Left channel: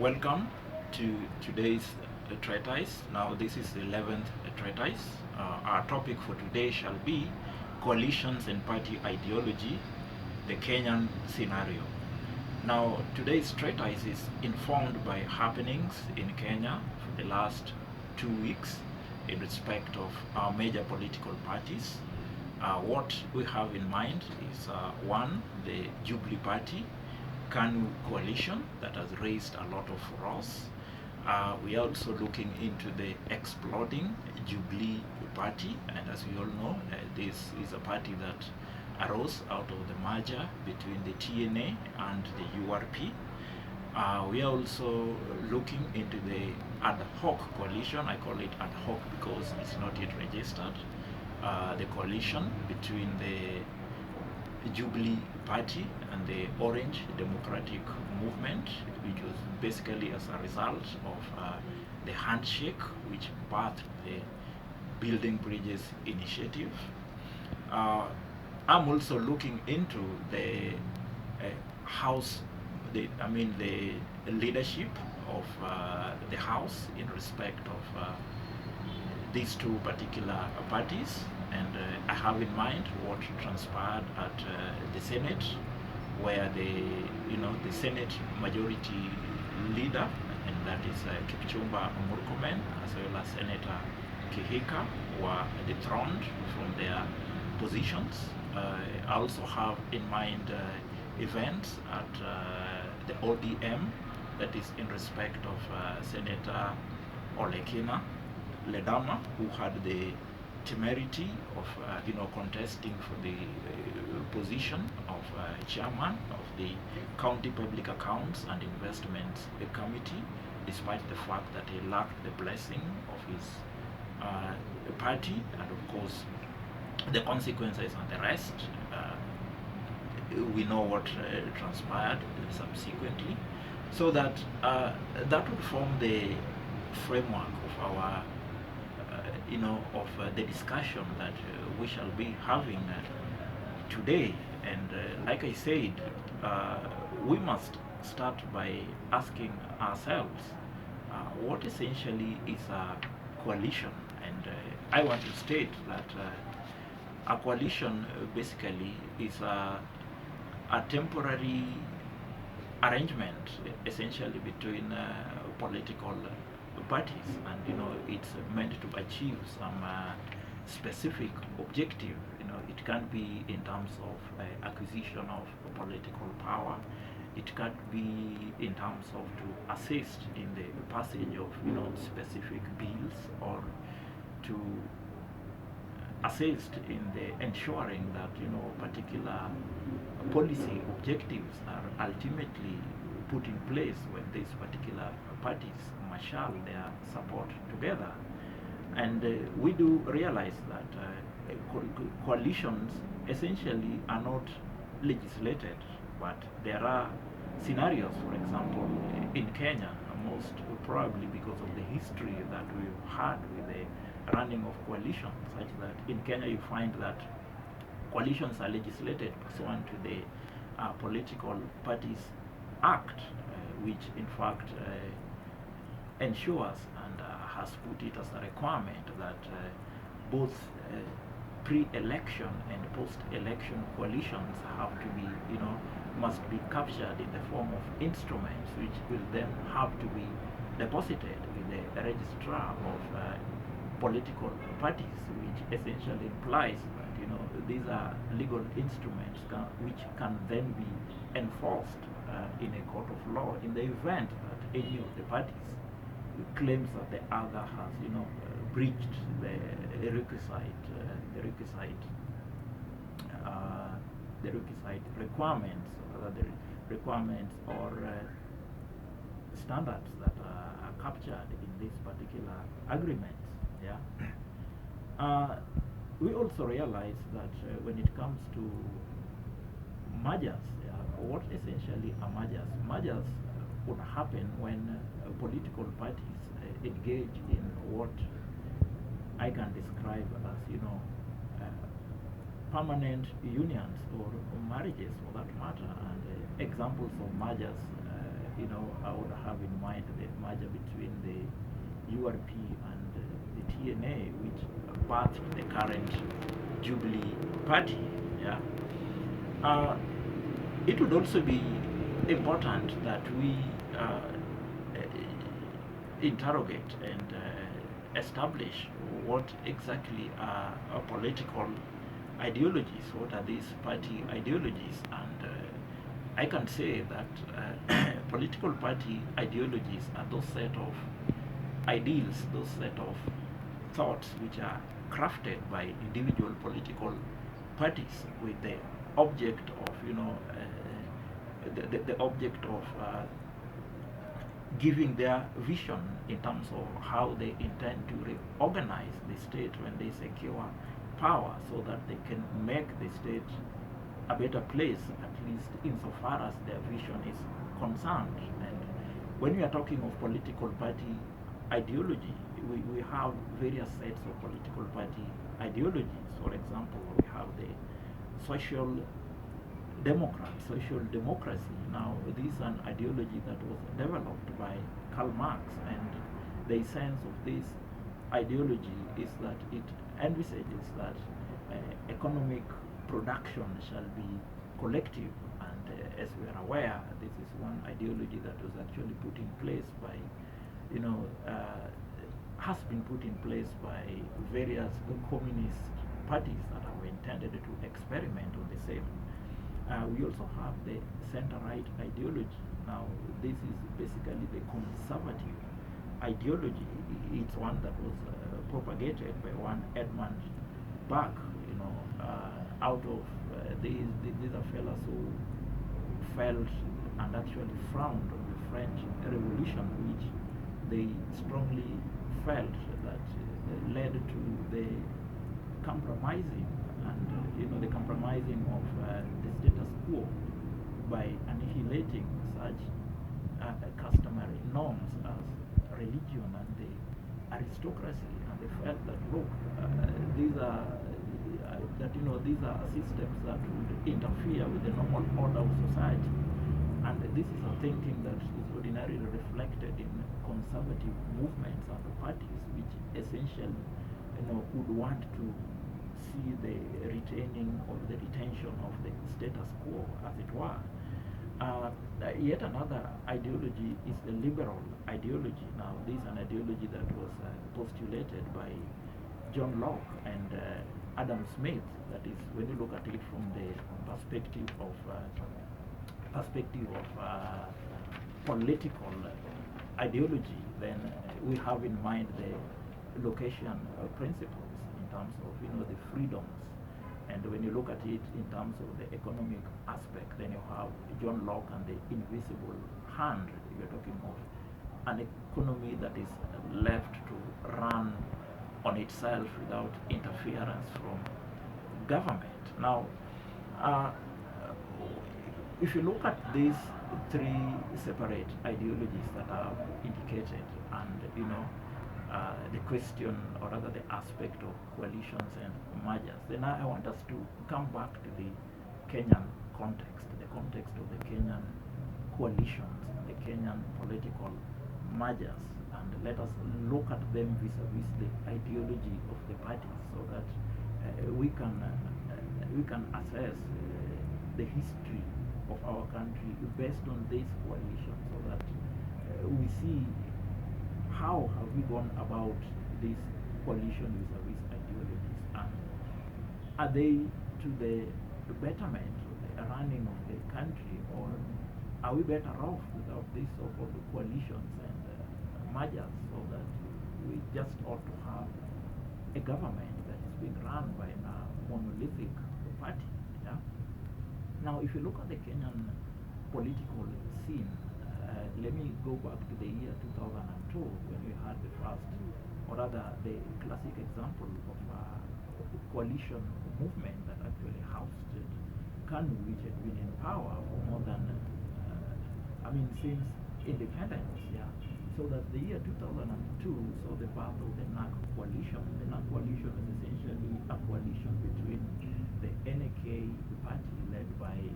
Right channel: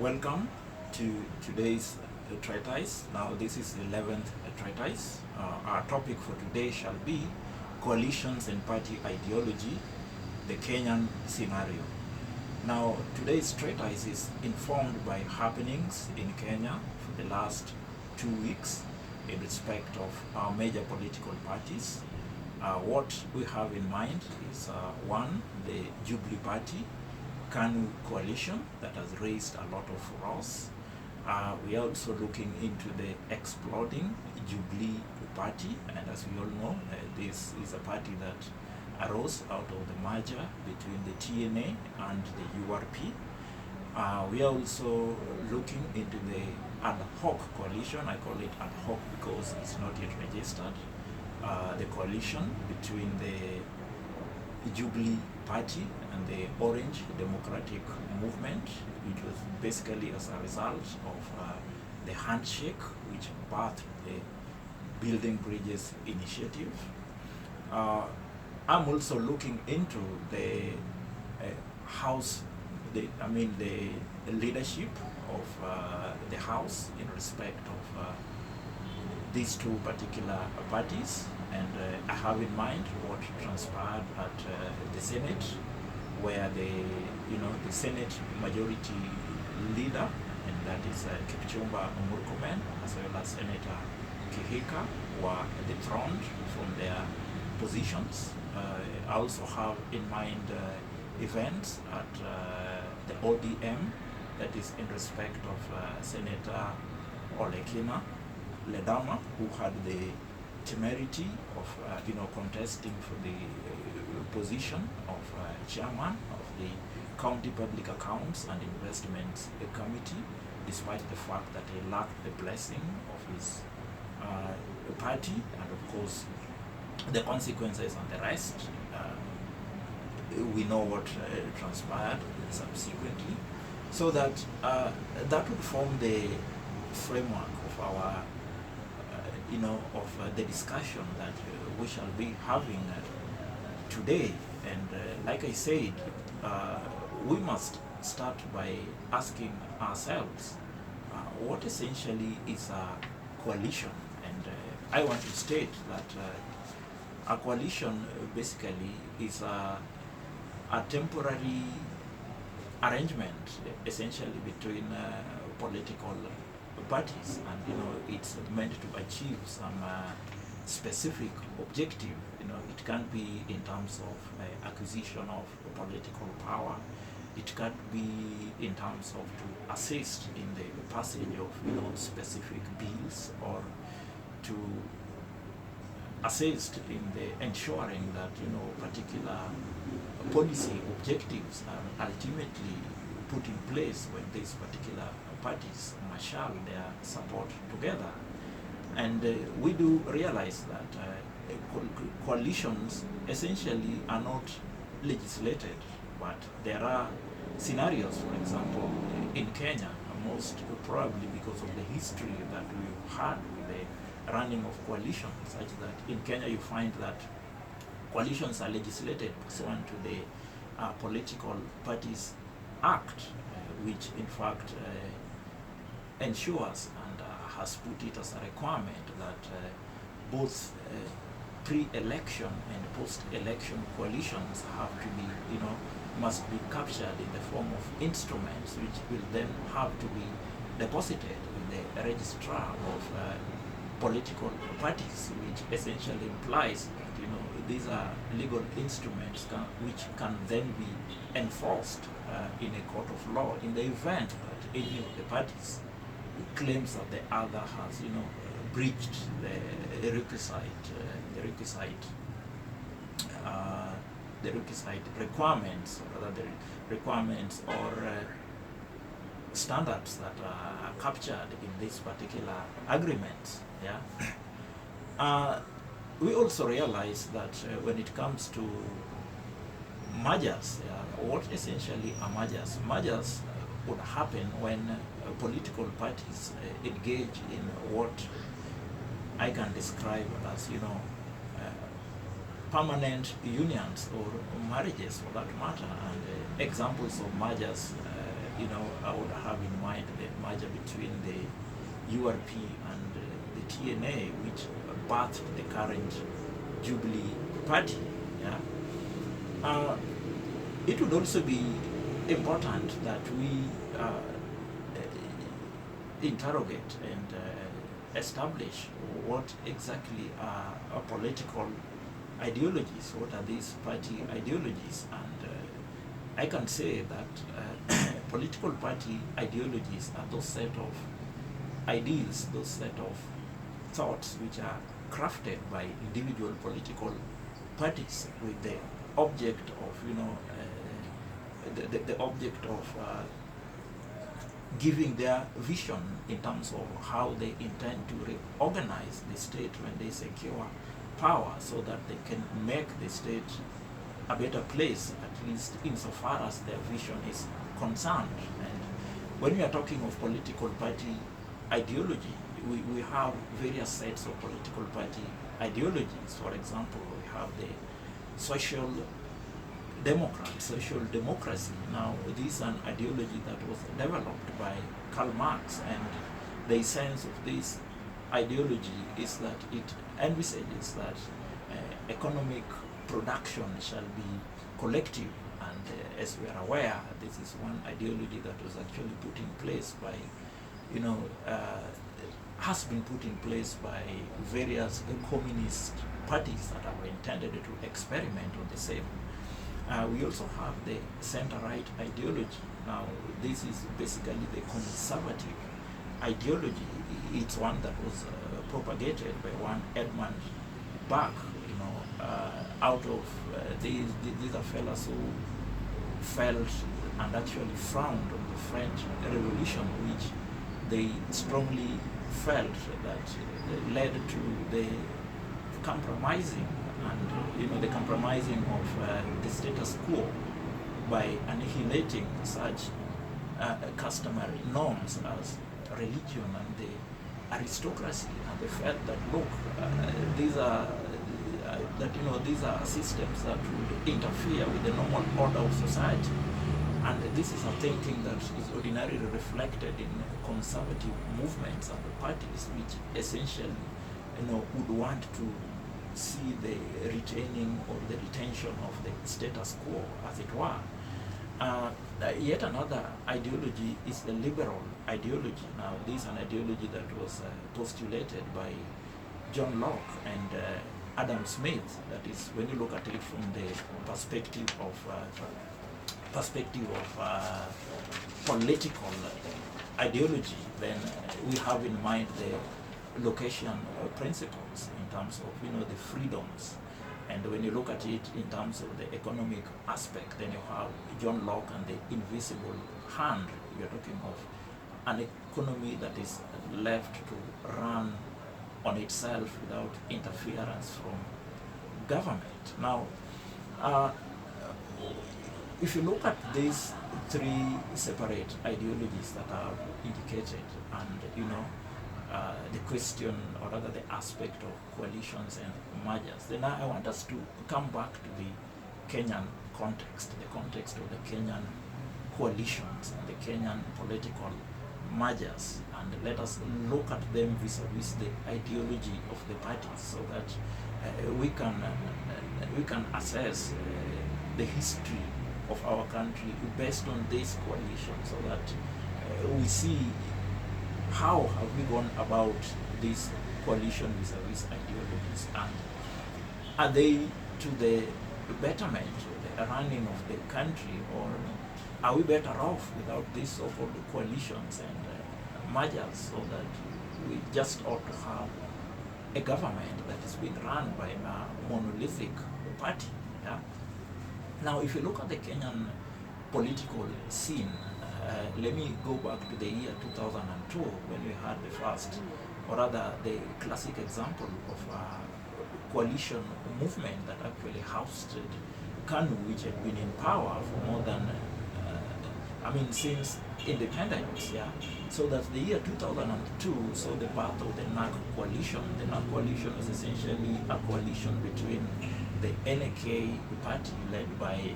Welcome to today's treatise. Now, this is the 11th treatise. Our topic for today shall be coalitions and party ideology, the Kenyan scenario. Now, today's treatise is informed by happenings in Kenya for the last 2 weeks in respect of our major political parties. What we have in mind is one, the Jubilee Party, KANU coalition that has raised a lot of furore. We are also looking into the exploding Jubilee Party, and as we all know, this is a party that arose out of the merger between the TNA and the URP. We are also looking into the ad hoc coalition. I call it ad hoc because it's not yet registered. The coalition between the Jubilee Party and the Orange Democratic Movement, which was basically as a result of the handshake which birthed the Building Bridges initiative. I'm also looking into the the leadership of the House in respect of these two particular parties, and I have in mind what transpired at the Senate, where the Senate majority leader, and that is Kipchumba Murkomen, as well as Senator Kihika, were dethroned from their positions. I also have in mind events at the ODM, that is in respect of Senator Olekina Ledama, who had the temerity of contesting for the position of chairman of the County Public Accounts and Investments Committee, despite the fact that he lacked the blessing of his party, and of course the consequences and the rest. We know what transpired subsequently, so that that would form the framework of our the discussion that we shall be having today. And like I said, we must start by asking ourselves what essentially is a coalition. And I want to state that a coalition basically is a temporary arrangement essentially between political parties, and it's meant to achieve some specific objective. It can be in terms of acquisition of political power. It can be in terms of to assist in the passage of specific bills, or to assist in the ensuring that particular policy objectives are ultimately put in place when these particular parties marshal their support together. And we do realize that coalitions essentially are not legislated, but there are scenarios, for example, in Kenya, most probably because of the history that we've had with the running of coalitions, such that in Kenya you find that coalitions are legislated pursuant to the Political Parties Act, which in fact ensures and has put it as a requirement that both pre-election and post-election coalitions have to be, must be captured in the form of instruments, which will then have to be deposited with the registrar of political parties, which essentially implies that these are legal instruments which can then be enforced in a court of law in the event that any of the parties claims that the other has breached the requisite requirements, or rather the requirements or standards that are captured in these particular agreements. We also realize that when it comes to mergers, what essentially are mergers? Mergers would happen when political parties engage in what I can describe as permanent unions or marriages, for that matter. And examples of mergers I would have in mind the merger between the URP and the TNA, which birthed the current Jubilee Party. Yeah. It would also be important that we interrogate and establish what exactly are political ideologies, what are these party ideologies, and I can say that political party ideologies are those set of ideals, those set of thoughts which are crafted by individual political parties with the object of, the object of giving their vision in terms of how they intend to reorganize the state when they secure power, so that they can make the state a better place, at least insofar as their vision is concerned. And when we are talking of political party ideology, we have various sets of political party ideologies. For example, we have the social democracy. Now, this is an ideology that was developed by Karl Marx, and the essence of this ideology is that it envisages that economic production shall be collective, and as we are aware, this is one ideology that was actually put in place by, has been put in place by various communist parties that are intended to experiment on the same. We also have the center-right ideology. Now, this is basically the conservative ideology. It's one that was propagated by one Edmund Burke, out of these are fellows who felt and actually frowned on the French Revolution, which they strongly felt that led to the compromising and the compromising of the status quo by annihilating such customary norms as religion and the aristocracy, and they felt that these are these are systems that would interfere with the normal order of society. And this is a thinking that is ordinarily reflected in conservative movements and parties, which essentially would want to see the retaining or the retention of the status quo, as it were. Yet another ideology is the liberal ideology. Now, this is an ideology that was postulated by John Locke and Adam Smith. That is, when you look at it from the perspective of political ideology, then we have in mind the location principles in terms of the freedoms. And when you look at it in terms of the economic aspect, then you have John Locke and the invisible hand. You're talking of an economy that is left to run on itself without interference from government. Now, if you look at these three separate ideologies that are indicated, and the question, or rather the aspect of coalitions and mergers, then I want us to come back to the Kenyan context, the context of the Kenyan coalitions and the Kenyan political mergers, and let us look at them vis-a-vis the ideology of the parties, so that we can assess the history of our country based on this coalition, so that we see how have we gone about this coalition vis-a-vis ideologies, and are they to the betterment of the running of the country, or are we better off without these so-called coalitions and mergers, so that we just ought to have a government that is being run by a monolithic party? Yeah? Now, if you look at the Kenyan political scene, let me go back to the year 2002, when we had the first, or rather the classic example of a coalition movement that actually ousted KANU, which had been in power for more than, since independence, yeah. So that the year 2002 saw the birth of the NARC coalition. The NARC coalition is essentially a coalition between the NK party led by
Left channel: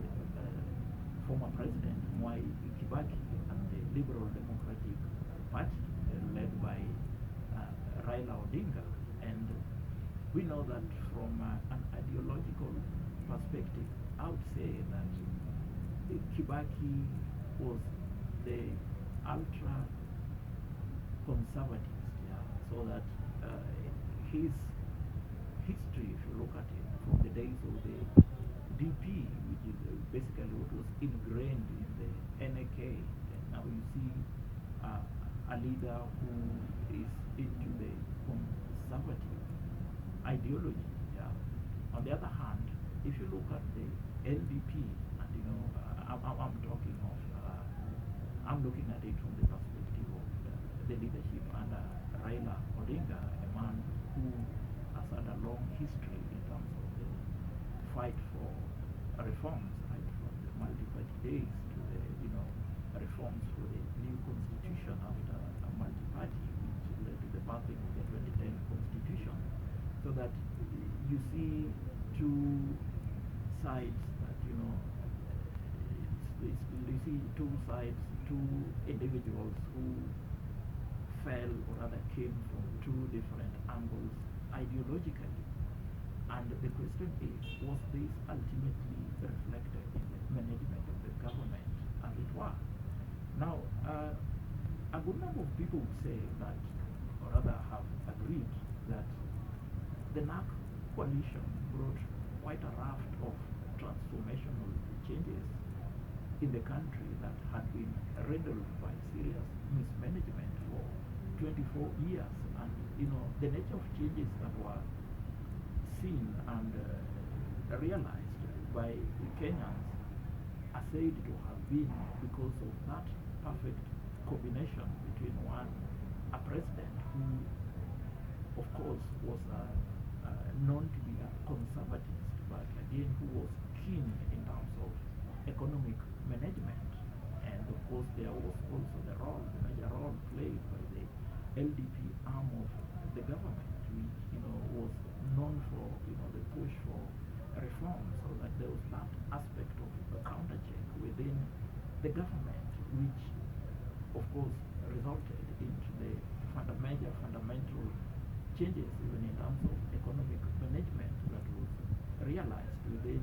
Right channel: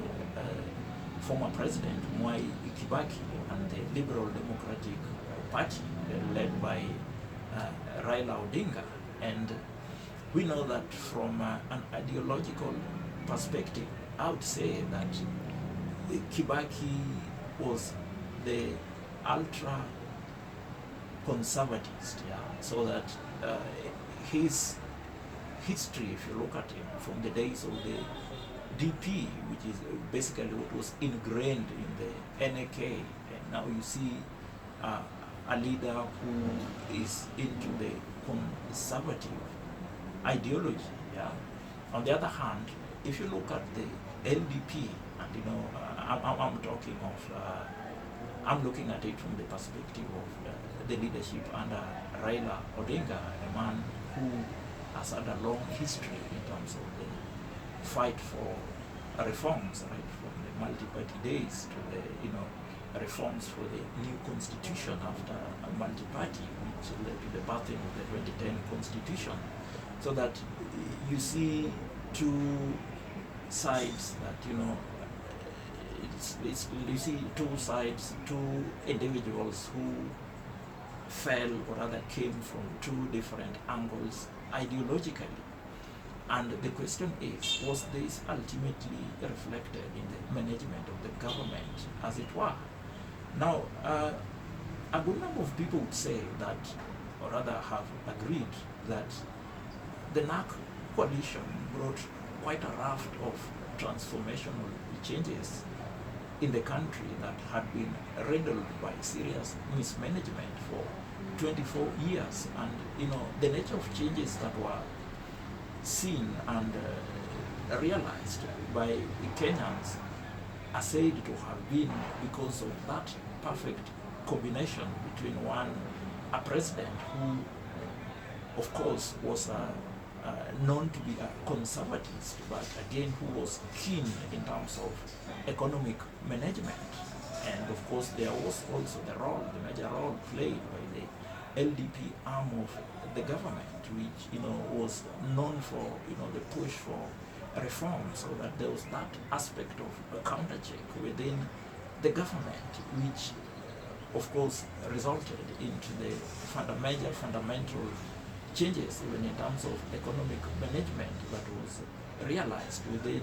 former President Mwai Kibaki and the Liberal Democratic Party led by Raila Odinga. And we know that from an ideological perspective, I would say that Kibaki was the ultra conservatist, yeah, so that his history, if you look at it from the days of the DP, which is basically what was ingrained in the NAK, and now you see a leader who is into the conservative ideology, yeah. On the other hand, if you look at the LDP, and you know, I'm talking of, I'm looking at it from the perspective of the leadership under Raila Odinga, a man who has had a long history in terms of the fight for reforms, right, from the multi-party days to the, you know, reforms for the new constitution after a multi-party, which led to the birthing of the 2010 constitution. So that you see two sides that, you know, you see two sides, two individuals who fell, or rather came from two different angles ideologically. And the question is, was this ultimately reflected in the management of the government, as it were? Now, a good number of people would say that, or rather have agreed that the NAC coalition brought quite a raft of transformational changes in the country that had been riddled by serious mismanagement for 24 years. And, you know, the nature of changes that were seen and realized by Kenyans are said to have been because of that perfect combination between a president who, of course, was known to be a conservatist, but again who was keen in terms of economic management. And of course there was also the major role played by the LDP arm of the government, which, you know, was known for, you know, the push for reform, so that there was that aspect of a counter check within the government, which of course resulted into the fundamental changes even in terms of economic management that was realized within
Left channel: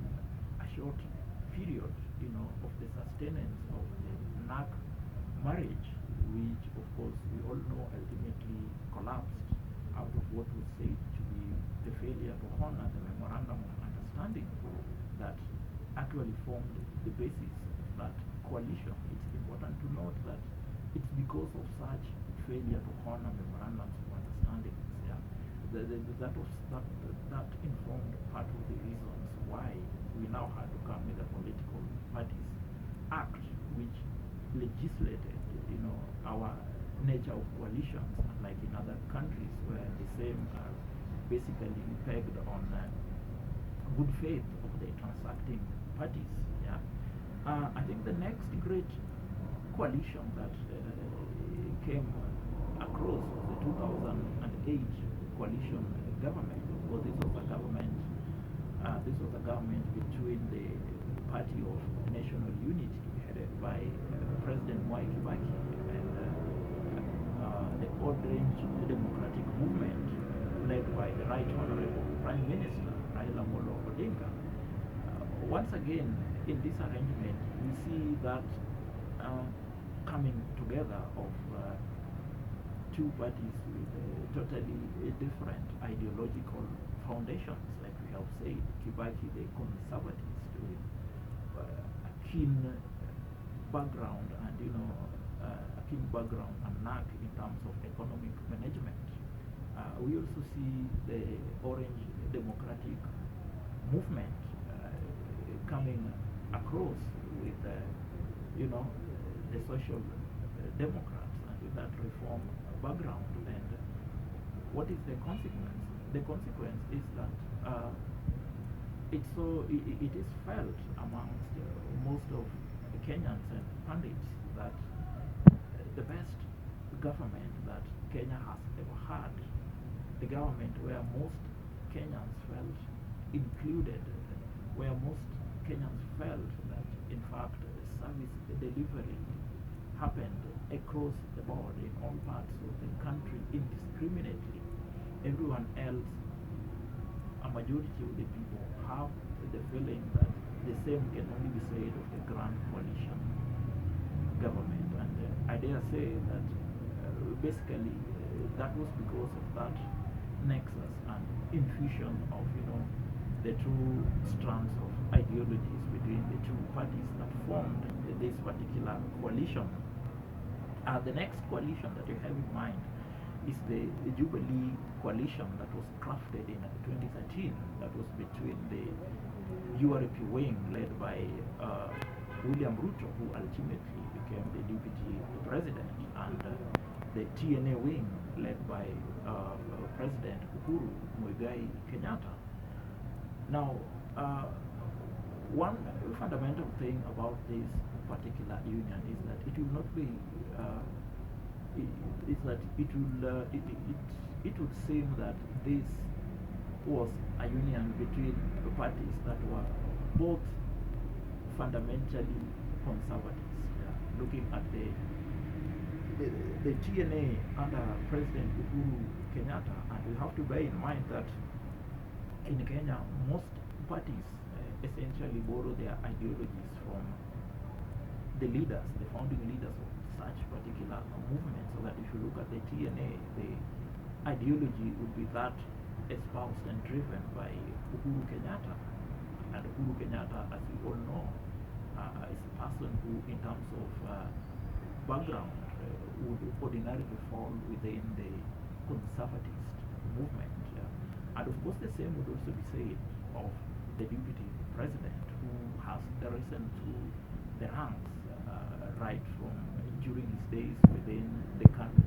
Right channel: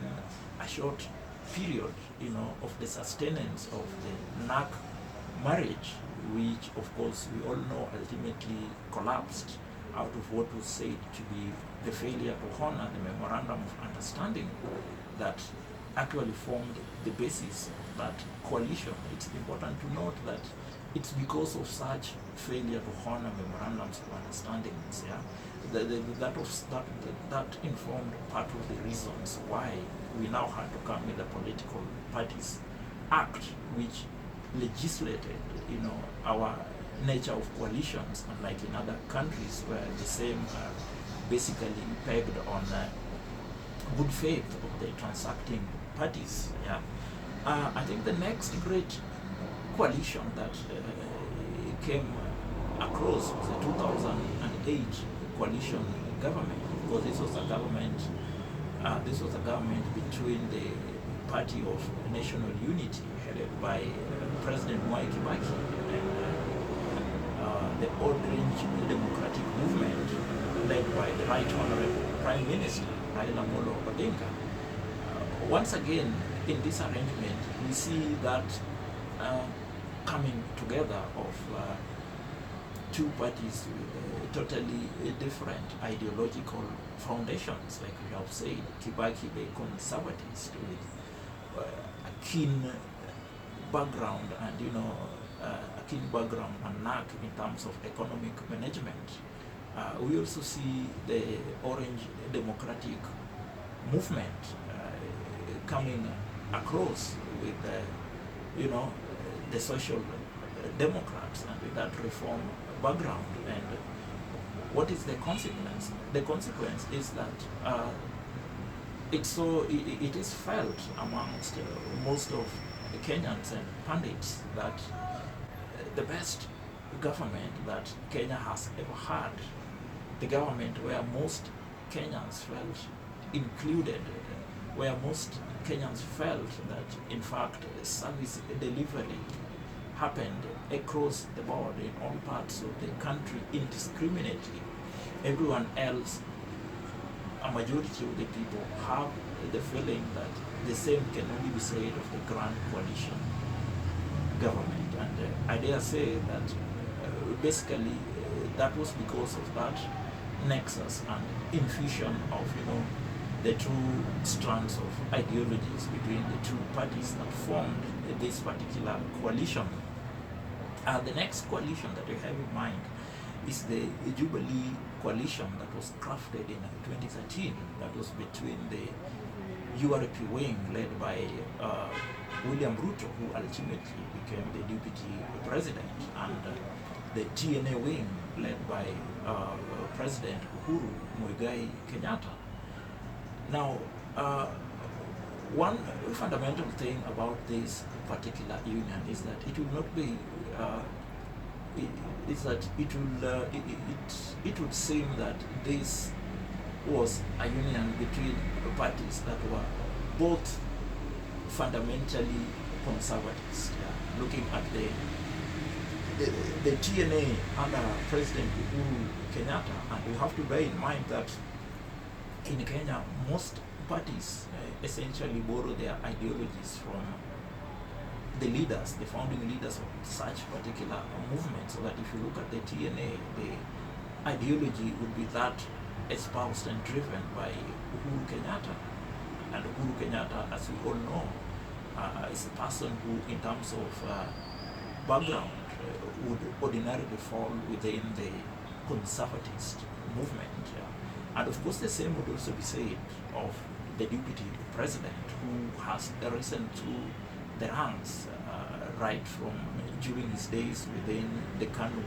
a short period, you know, of the sustenance of the NAC marriage, which of course we all know ultimately collapsed out of what was said to be the failure to honor the memorandum of understanding that actually formed the basis of that coalition. It's important to note that it's because of such failure to honor memorandums of understandings, yeah, that informed part of the reasons why we now had to come with a political parties act, which legislated, you know, our nature of coalitions, unlike in other countries where the same are basically pegged on good faith of the transacting parties. Yeah, I think the next great coalition that came across was the 2008 coalition government, because this was a government. This was a government between the Party of National Unity, headed by President Mwai Kibaki, and the Orange Democratic Movement, led by the Right Honorable Prime Minister Raila Amolo Odinga. Once again, in this arrangement, we see that coming together of two parties with totally different ideological foundations, like we have said. Kibaki, the conservatist, with a keen background and, you know, a keen background and knack in terms of economic management. We also see the Orange Democratic Movement coming across with, you know, the Social Democrats, and with that reform background. And what is the consequence? The consequence is that it is felt amongst most of Kenyans and pundits that the best government that Kenya has ever had, the government where most Kenyans felt included, where most Kenyans felt that in fact service delivery happened across the board in all parts of the country indiscriminately. Everyone else, a majority of the people, have the feeling that the same can only be said of the Grand Coalition government. And I dare say that basically that was because of that nexus and infusion of, the two strands of ideologies between the two parties that formed this particular coalition. The next coalition that you have in mind is the Jubilee coalition that was crafted in 2013. That was between the URP wing led by William Ruto, who ultimately became the deputy president, and the TNA wing led by President Uhuru Muigai Kenyatta. Now, one fundamental thing about this particular union is that it will not be it would seem that this was a union between parties that were both fundamentally conservatives. Yeah. Looking at the TNA under President Uhuru Kenyatta, and we have to bear in mind that in Kenya, most parties essentially borrow their ideologies from the leaders, the founding leaders of such particular movements. So that if you look at the TNA, the ideology would be that espoused and driven by Uhuru Kenyatta. And Uhuru Kenyatta, as we all know, is a person who, in terms of background, would ordinarily fall within the conservatist movement. Yeah. And of course, the same would also be said of the deputy president, who has risen through the ranks right from during his days within the KANU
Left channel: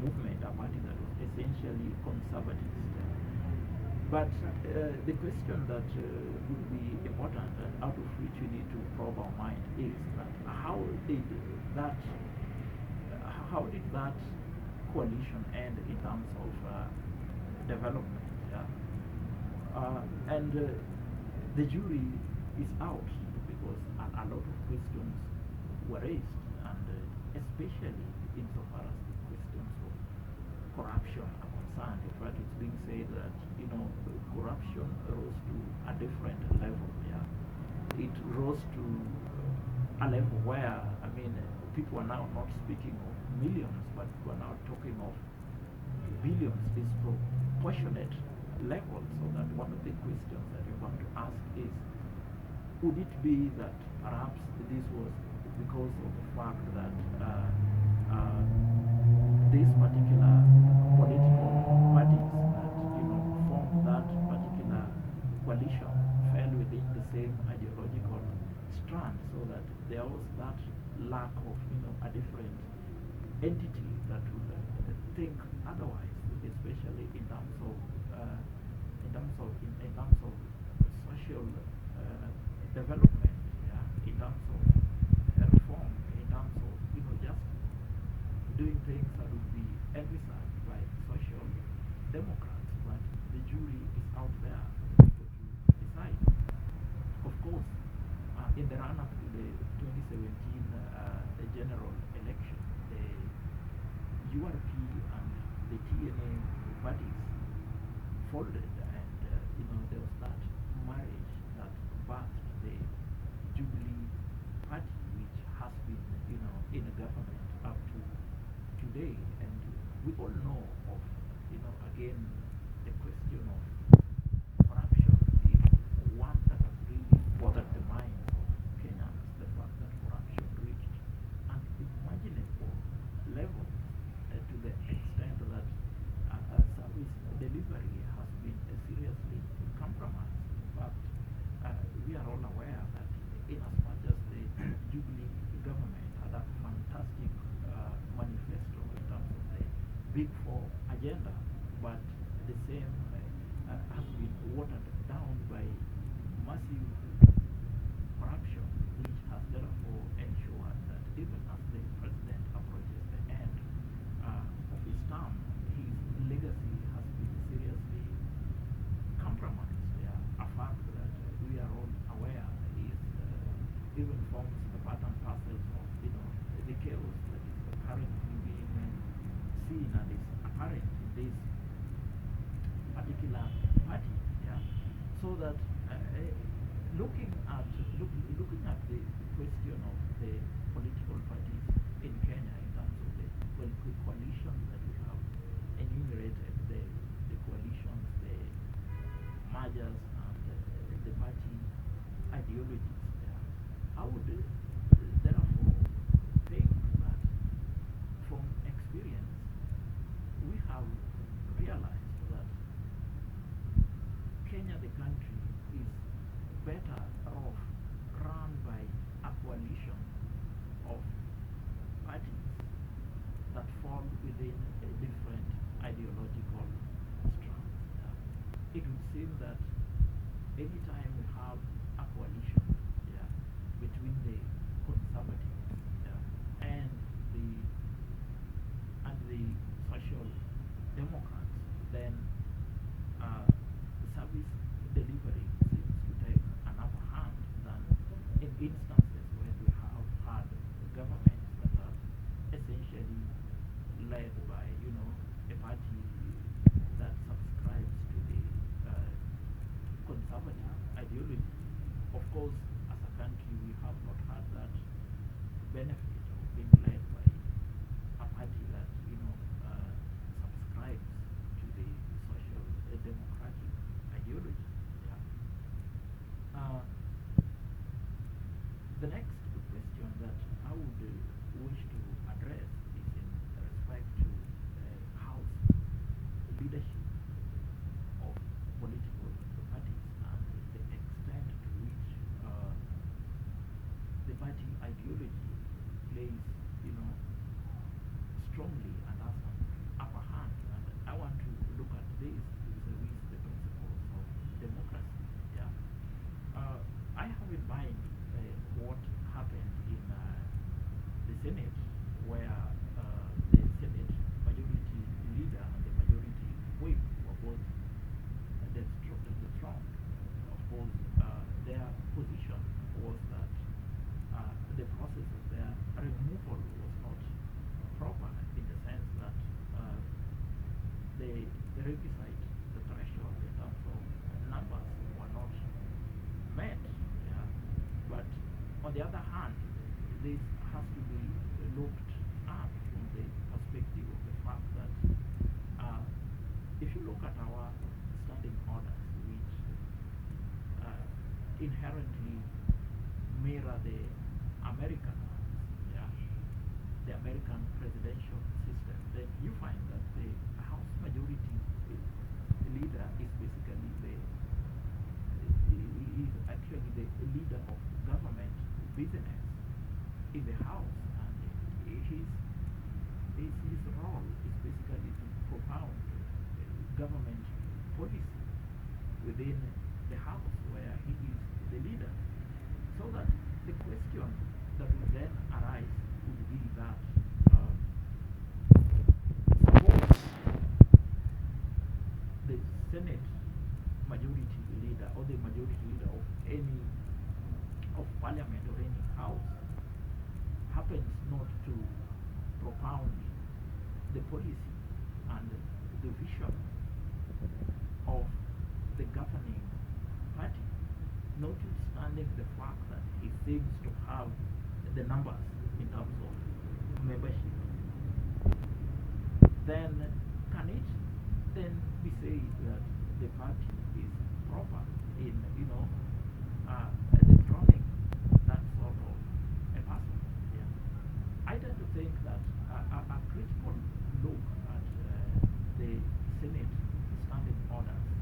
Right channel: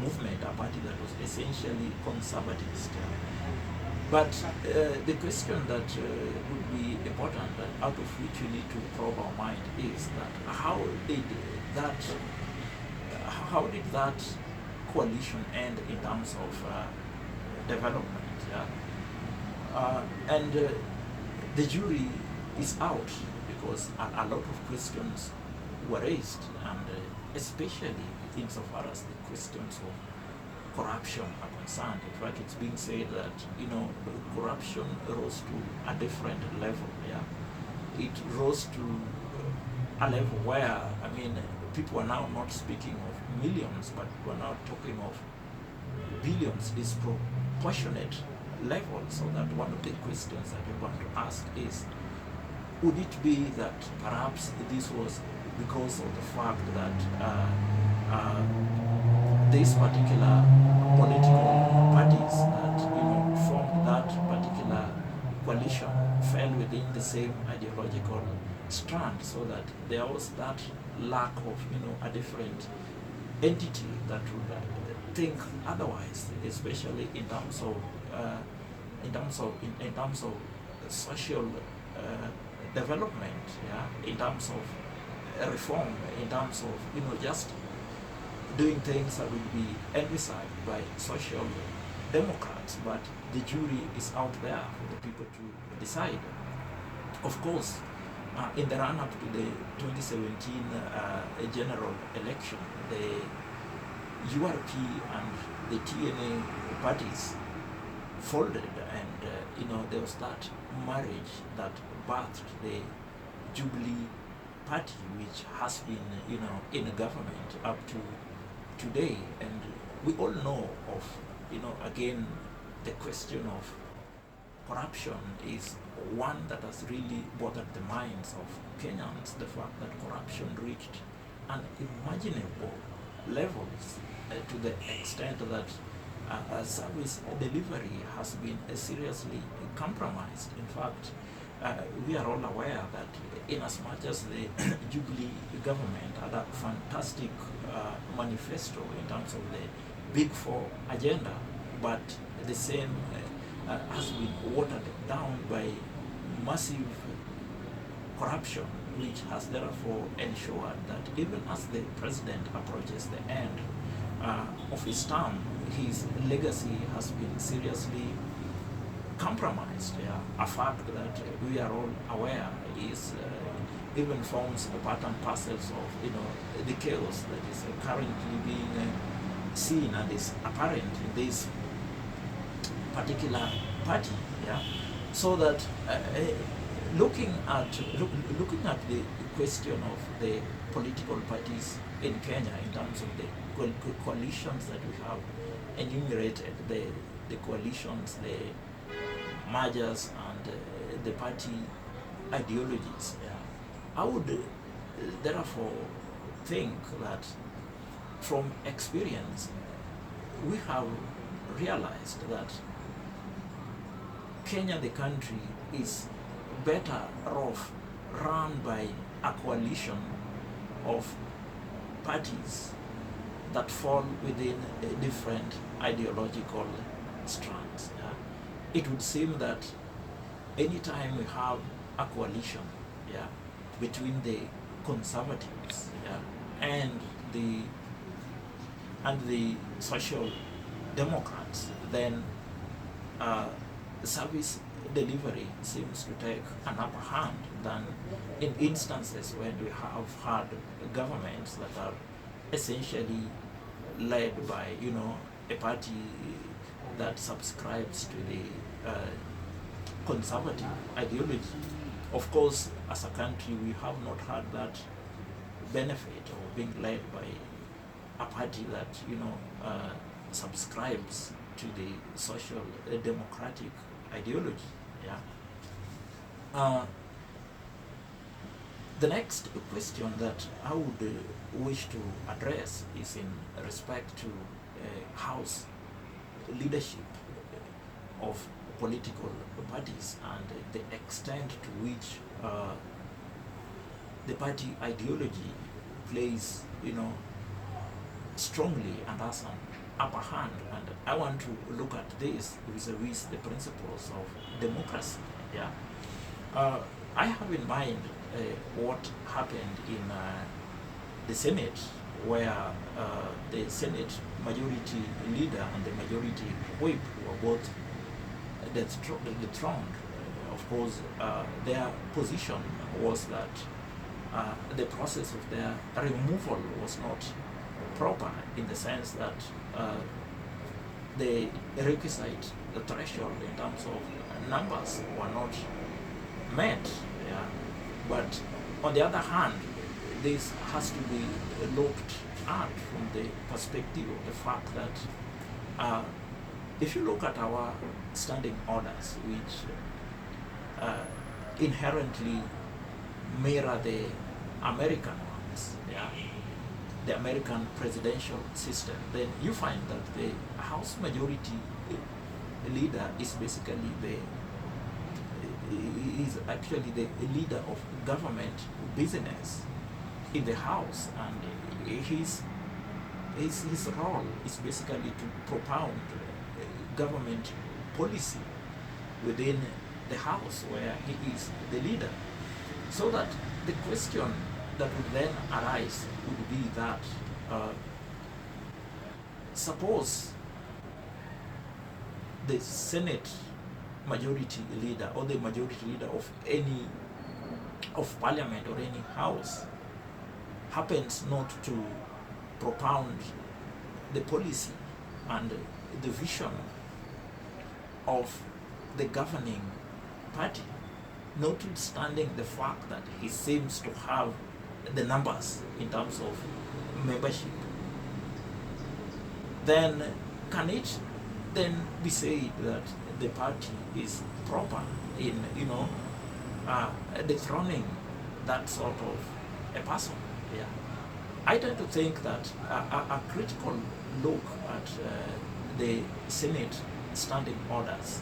movement, a party that was essentially conservatist. But the question that would be important and out of which we need to probe our mind is that how did that coalition end in terms of development? Yeah? And the jury is out because a lot of questions were raised, and especially insofar as the questions of corruption are concerned. In fact, it's being said that corruption rose to a different level. Yeah, it rose to a level where people are now not speaking of millions, but we're now talking of billions, disproportionate level. So that one of the questions that we're going to ask is, would it be that perhaps this was because of the fact that this particular political parties that formed that particular coalition fell within the same ideological strand, so that there was that lack of a different entity that would think otherwise, especially in terms of social development, yeah, in terms of reform, in terms of just doing things that will be envisaged by social democrats. But the jury is out there for the people to decide. Of course, in the run-up to the 2017 general election, the URP and the TNA parties folded, and there was that marriage that birthed the Jubilee Party, which has been in a government up to today. And we all know of again, the question of corruption is one that has really bothered the minds of Kenyans. The fact that corruption reached unimaginable levels to the extent that service delivery has been seriously compromised. In fact, we are all aware that in as much as the Jubilee government had a fantastic manifesto in terms of the Big Four agenda, but the same has been watered down by massive corruption, which has therefore ensured that even as the president approaches the end of his term, his legacy has been seriously compromised. Yeah. A fact that we are all aware is even forms a part and parcels of the chaos that is currently being seen and is apparent in this particular party, yeah. So that looking at the question of the political parties in Kenya in terms of the coalitions that we have enumerated, the coalitions, the mergers, and the party ideologies, yeah. I would therefore think that from experience we have realized that Kenya, the country, is better off run by a coalition of parties that fall within different ideological strands. Yeah. It would seem that anytime we have a coalition, yeah, between the conservatives, yeah, and the social democrats, then service delivery seems to take an upper hand than in instances when we have had governments that are essentially led by, a party that subscribes to the conservative ideology. Of course, as a country, we have not had that benefit of being led by a party that, subscribes to the social democratic ideology. Yeah. The next question that I would wish to address is in respect to House leadership of political parties and the extent to which the party ideology plays, strongly and has an upper hand. And I want to look at this vis-a-vis the principles of democracy. Yeah. I have in mind what happened in the Senate, where the Senate majority leader and the majority whip were both dethroned. Of course, their position was that the process of their removal was not proper, in the sense that the requisite, the threshold in terms of numbers were not met. Yeah. But on the other hand, this has to be looked at from the perspective of the fact that if you look at our standing orders, which inherently mirror the American ones, yeah, the American presidential system, then you find that the House majority leader is basically actually the leader of government business in the House, and his role is basically to propound government policy within the House, where he is the leader. So that the question that would then arise would be that suppose the Senate majority leader or the majority leader of parliament or any house happens not to propound the policy and the vision of the governing party, notwithstanding the fact that he seems to have the numbers in terms of membership, then can it then be said that the party is proper in dethroning that sort of a person? Yeah. I tend to think that a critical look at the Senate standing orders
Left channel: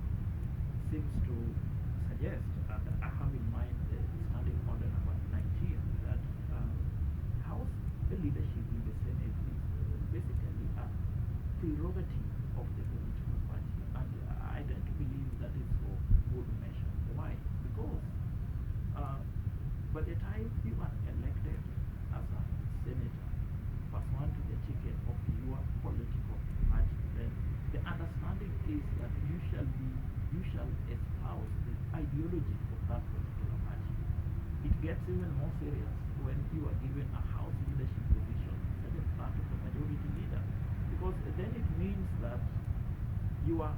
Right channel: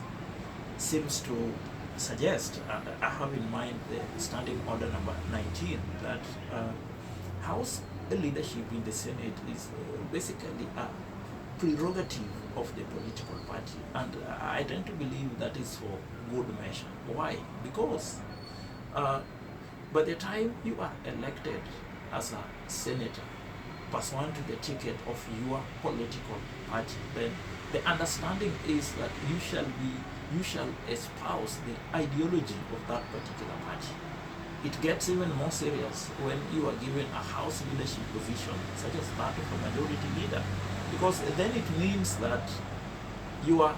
seems to suggest, and I have in mind the standing order number 19, that House leadership in the Senate is basically a prerogative of the political party, and I tend to believe that is for good measure. Why? Because by the time you are elected as a senator pursuant to the ticket of your political party, then the understanding is that you shall espouse the ideology of that particular party. it gets even more serious when you are given a House leadership position such as that of a majority leader, because then it means that your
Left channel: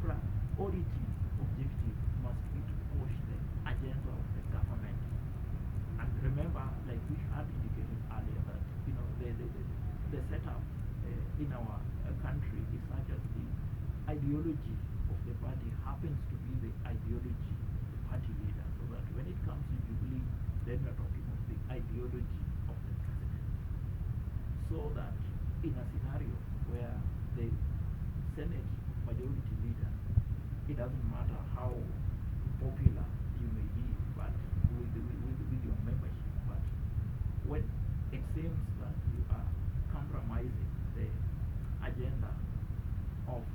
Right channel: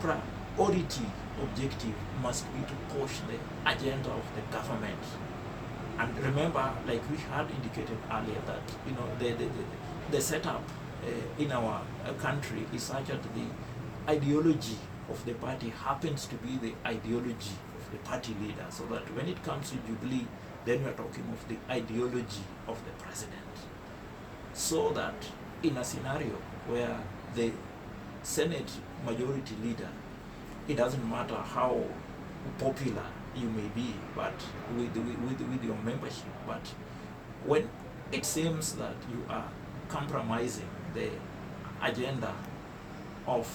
priority objective must be to push the agenda of the government. And remember, like we had indicated earlier, that the setup in our country is such that the ideology of the party happens to be the ideology of the party leader, so that when it comes to Jubilee, then we are talking of the ideology of the president. So that in a scenario where the Senate majority leader, it doesn't matter how popular you may be, but with your membership, but when it seems that you are compromising the agenda of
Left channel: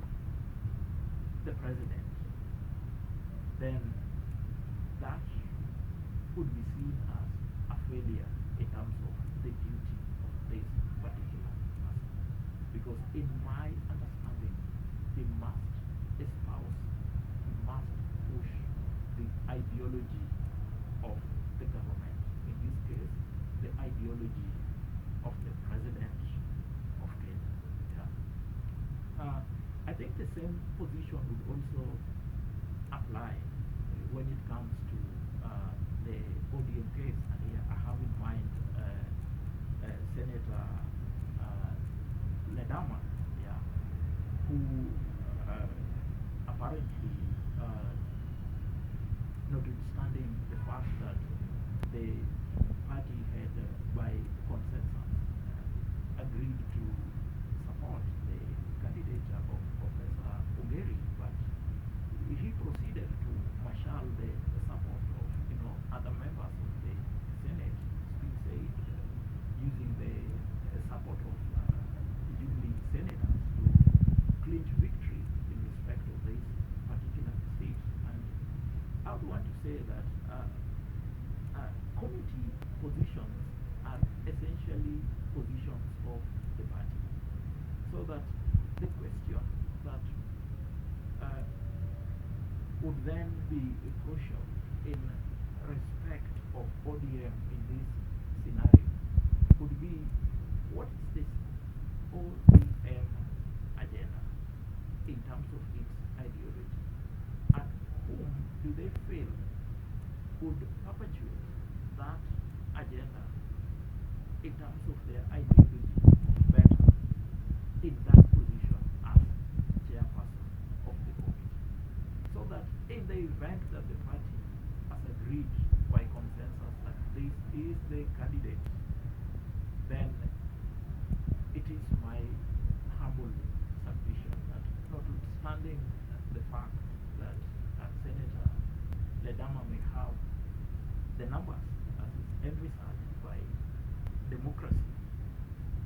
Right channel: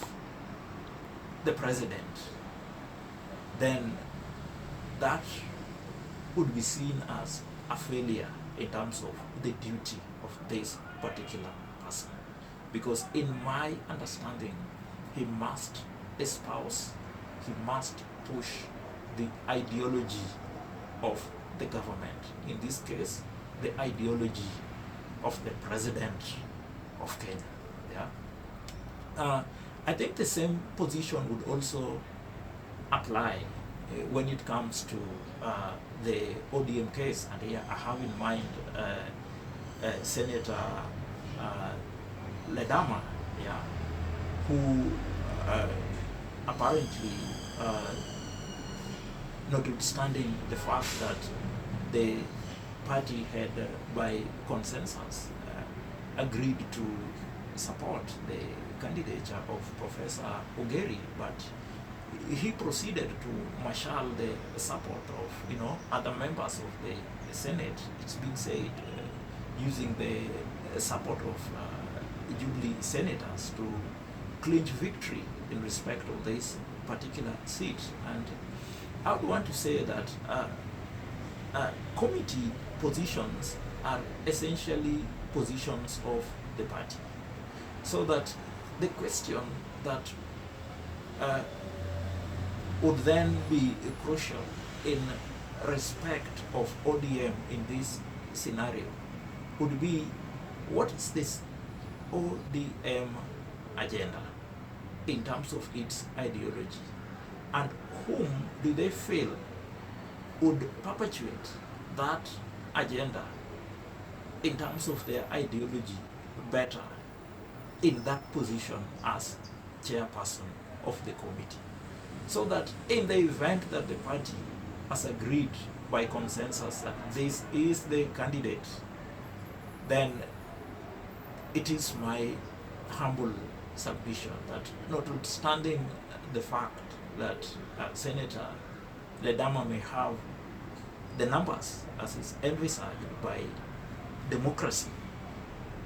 the president, then that would be seen as a failure in terms of the duty of this particular person. Because in my understanding, he must espouse, he must push the ideology of the government, in this case, the ideology of the president of Kenya. Yeah? I think the same position would also apply when it comes to the ODM case, and here I have in mind Senator Ledama, yeah, who apparently, notwithstanding the fact that the party had, by consensus, agreed to support the candidature of Professor Ogeri, but he proceeded to marshal the support of other members of the Senate. It's been said using the support of Jubilee senators to clinch victory in respect of this particular seat. And I would want to say that committee positions are essentially positions of the party, so that the question that would then be crucial in respect of ODM in this scenario would be, what is this ODM agenda in terms of its ideology, and whom do they feel would perpetuate that agenda in terms of their ideology better in that position as chairperson of the committee, so that in the event that the party has agreed by consensus that this is the candidate, then it is my humble submission that, notwithstanding the fact that Senator Ledama may have the numbers as is envisaged by democracy,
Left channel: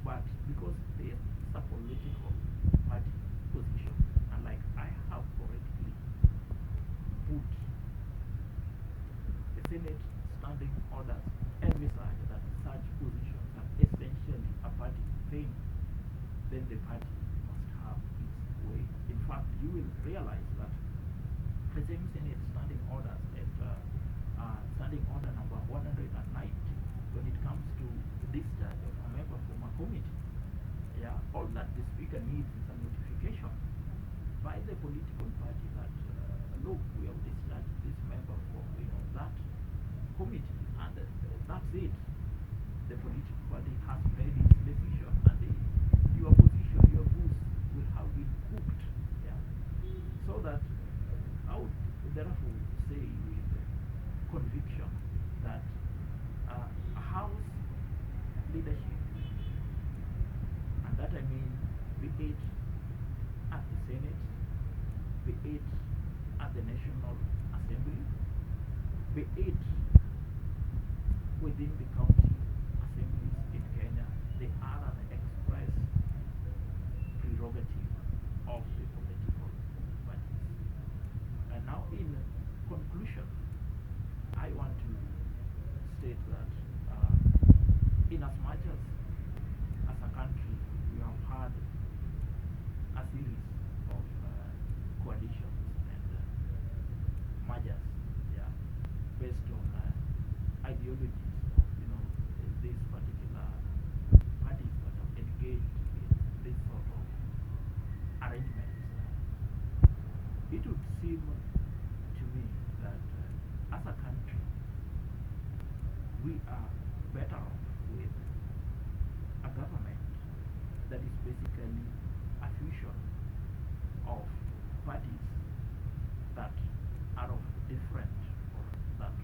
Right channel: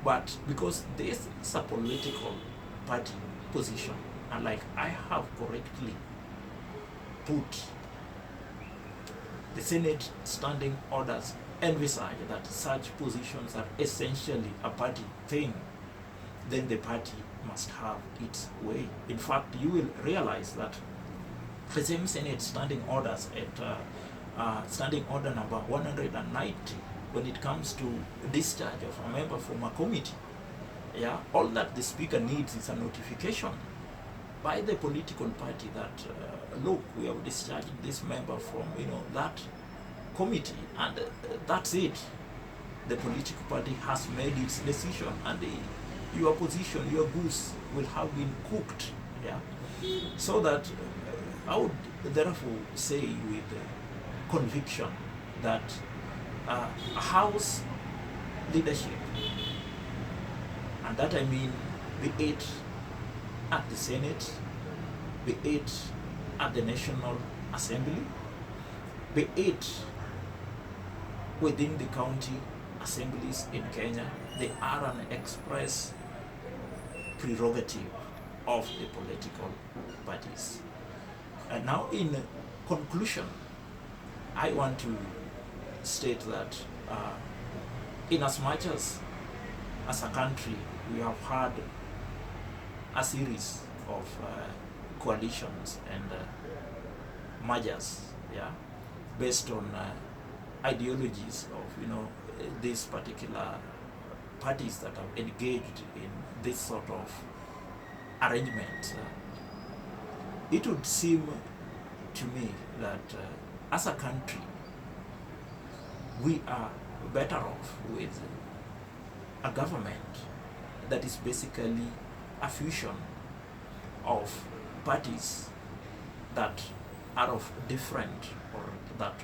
but because this is a political party position, and like I have correctly put, the Senate standing orders envisage that such positions are essentially a party thing, then the party must have its way. In fact, you will realize that the same Senate standing orders at standing order number 190, when it comes to discharge of a member from a committee, yeah, all that the speaker needs is a notification by the political party that look, we have discharged this member from that committee, and that's it. The political party has made its decision, and your position, your goose will have been cooked. Yeah, so that I would therefore say with conviction that a House leadership, and that I mean be it at the Senate, be it at the National Assembly, be it within the county assemblies in Kenya, they are an express prerogative of the political parties. And now, in conclusion, I want to state that in as much as a country we have had a series of coalitions and mergers, yeah, based on ideologies of these particular parties that are engaged in this sort of arrangement, it would seem to me that as a country we are better off with a government that is basically a fusion of parties that are of different, or that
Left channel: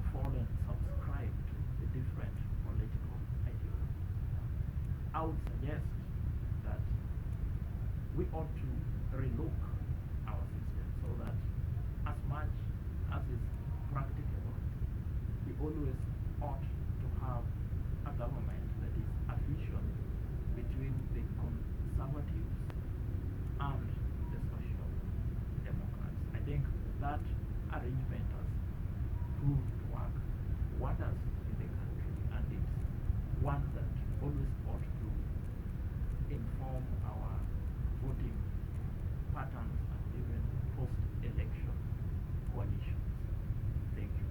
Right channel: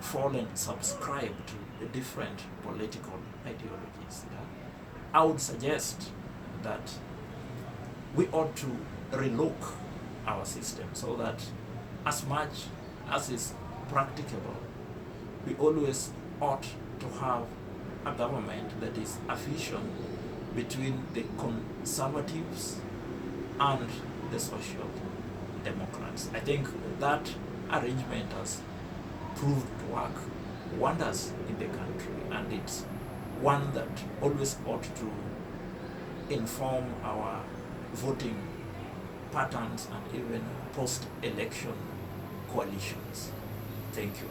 fall and subscribe to the different political ideologies. I would suggest that we ought to relook our system so that as much as is practicable, we always ought to have a government that is a fusion between the conservatives and the social democrats. I think that arrangement has proved to work wonders in the country, and it's one that always ought to inform our voting patterns and even post-election coalitions. Thank you.